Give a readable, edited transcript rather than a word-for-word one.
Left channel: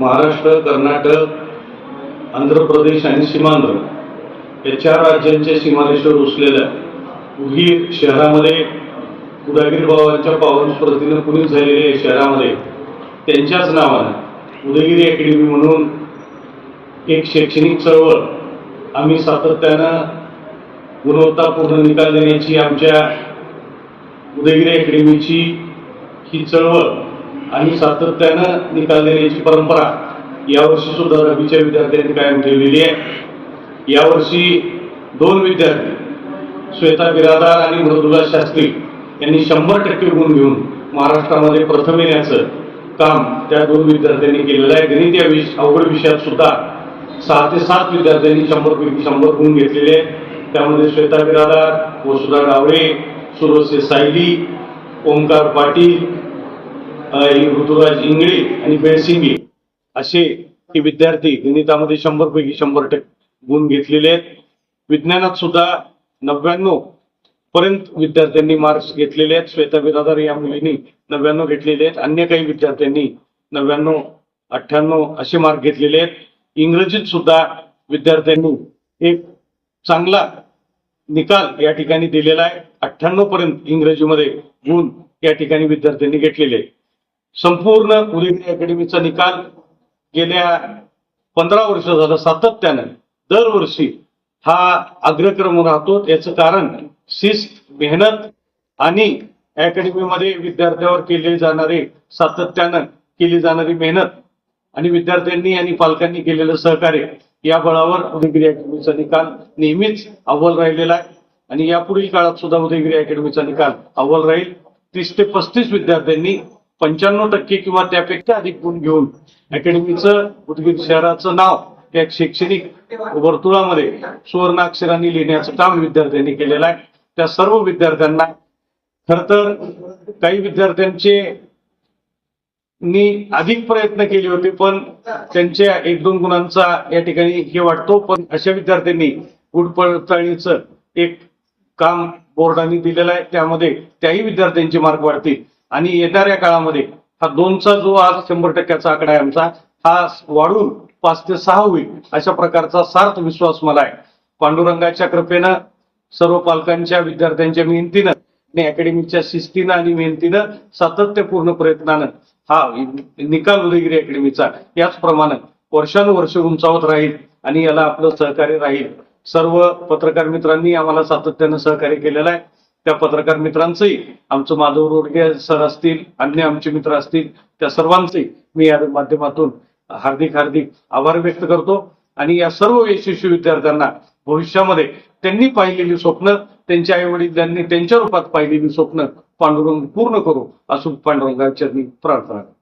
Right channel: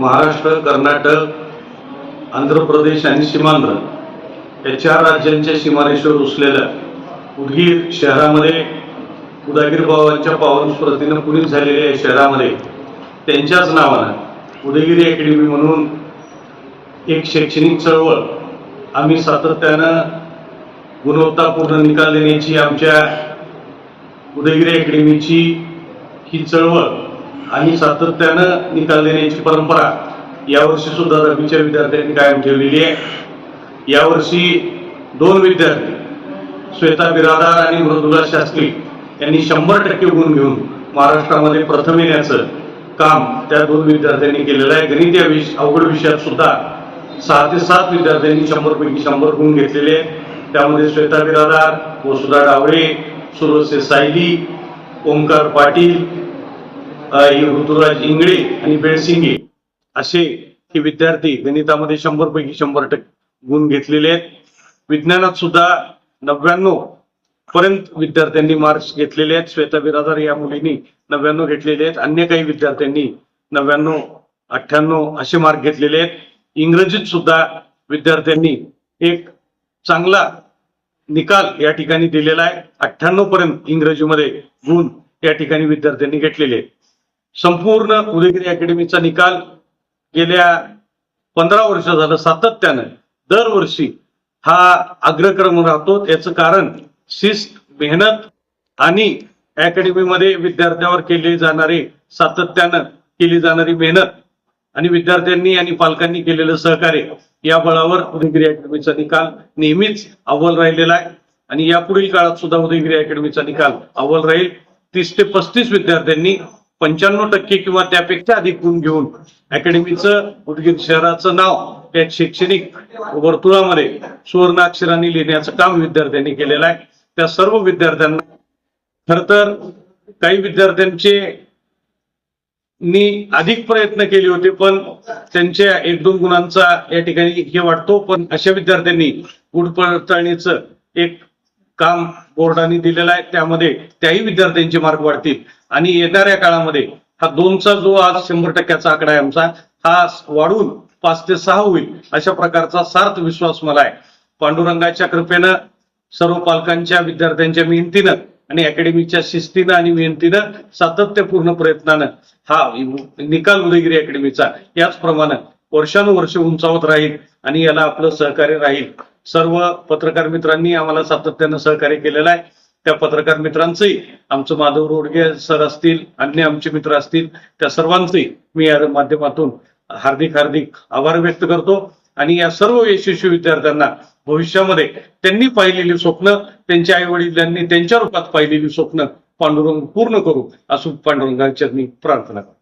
महाराष्ट्र, कर्नाटक, आंध्र प्रदेश आणि सीमांध्र या 4 राज्यांच्या सीमारेषेवर वसलेल्या उदगीर शहरामध्ये उदगीर बाबांच्या पावन स्मृतीनं पुनीत झालेल्या या शहरामध्ये त्यांच्याच नावानं उदयगिरी अकॅडमी म्हणून एक शैक्षणिक चळवळ आम्ही सातत्यानं गुणवत्तापूर्ण निकाल देण्याची आमच्या उदयगिरी अकॅडमीची ही चळवळ आणि सातत्यानं निकाल देण्याची परंपरा यावर्षी सुद्धा 10वीच्या विद्यार्थ्यांनी कायम ठेवलेली आहे। यावर्षी 2 विद्यार्थी श्वेता बिरादार आणि मृदुला शास्त्री यांनी 100% गुण घेऊन महाराष्ट्रामध्ये प्रथम येण्याचं काम त्या 2 विद्यार्थ्यांनी केलेलं आहे। गणित या अवघड विषयात सुद्धा 6 ते 7 विद्यार्थ्यांनी 100 पैकी 100 गुण घेतलेले आहेत। त्यामध्ये श्वेता बिरादार, वसुधा डावळे, सुरसे सायली, ओमकार पाटील, ऋतुराज इंगळे आणि बेळसिंगे असे हे विद्यार्थी गणितामध्ये 100 पैकी 100% गुण घेतलेले आहेत। विज्ञानात सुद्धा 99 पर्यंत विद्यार्थ्यांनी मार्क्स घेतलेले आहेत। श्वेता बिरादार या मुलींनी 99 घेतलेले आहेत। अन्य काही विद्यार्थ्यांनी 99, 98 असे मार्क घेतलेले आहेत। इंग्रजीत सुद्धा विद्यार्थ्यांनी एक चांगला निकाल या ठिकाणी दिलेला आहे। 98 पर्यंत इंग्रजीमध्ये गुण या ठिकाणी विद्यार्थ्यांनी घेतलेले आहेत। संपूर्ण उदयगिरी अकॅडमीचा निकाल गेल्या 15 वर्ष झालं सातत्यानं दरवर्षी हा अग्रक्रम राहतो। याचं कारण शिस्त, मेहनत आणि अकॅडमीमध्ये विद्यार्थ्यावर केले जाणारे सातत्यानं केली जाणारी मेहनत आणि विद्यार्थ्यांनी आणि पालकांनी केलेलं सहकार्य या बळावर उदयगिरी अकॅडमीचा निकाल नेहमीच अव्वल राहिलेला आहे आणि यापुढील काळात सुद्धा उदयगिरी अकॅडमीचा निकाल अव्वल राहील। 30 ते 35 विद्यार्थ्यांनी 95% किंवा त्यापेक्षा अधिक गुण घेऊन अकॅडमीचं उदगीर शहराचं नाव एक शैक्षणिक वर्तुळामध्ये सुवर्ण अक्षरांनी लिहिण्याचं काम विद्यार्थ्यांनी केलेलं आहे। त्या सर्व विद्यार्थ्यांना खर तर काही विद्यार्थ्यांचे अधिक प्रयत्न केले होते पण त्यांच्या 1-2 गुणांचा या ठिकाणी हे वाटतो, पण अशा विद्यार्थ्यांनी गुण पडताळणीचं एक काम बोर्डाने दिलेलं आहे। त्यामध्ये त्याही विद्यार्थ्यांचे मार्क वाढतील आणि येणाऱ्या काळामध्ये हा 2चा जो आज 100%चा आकडा आहे आमचा, हा वाढून 5 ते 6 होईल अशा प्रकारचा सार्थ विश्वास मला आहे। पांडुरंगाच्या कृपेनं, सर्व पालकांच्या, विद्यार्थ्यांच्या मेहनतीनं आणि अकॅडमीच्या शिस्तीनं आणि मेहनतीनं, सातत्यपूर्ण प्रयत्नानं हा निकाल उदयगिरी अकॅडमीचा याचप्रमाणे वर्षानुवर्षे उंचावत राहील आणि याला आपलं सहकार्य राहील। सर्व पत्रकार मित्रांनी आम्हाला सातत्यानं सहकार्य केलेलं आहे। त्या पत्रकार मित्रांचंही, आमचं माधव रोडगे सर असतील, अन्य आमचे मित्र असतील, त्या सर्वांचंही मी या माध्यमातून हार्दिक आभार व्यक्त करतो आणि या सर्व यशस्वी विद्यार्थ्यांना भविष्यामध्ये त्यांनी पाहिलेली स्वप्न, त्यांच्या आई वडिलांनी त्यांच्या रूपात पाहिलेली स्वप्न पांडुरंग पूर्ण करू असं पांडुरंगाच्या मी प्रार्थना करतो।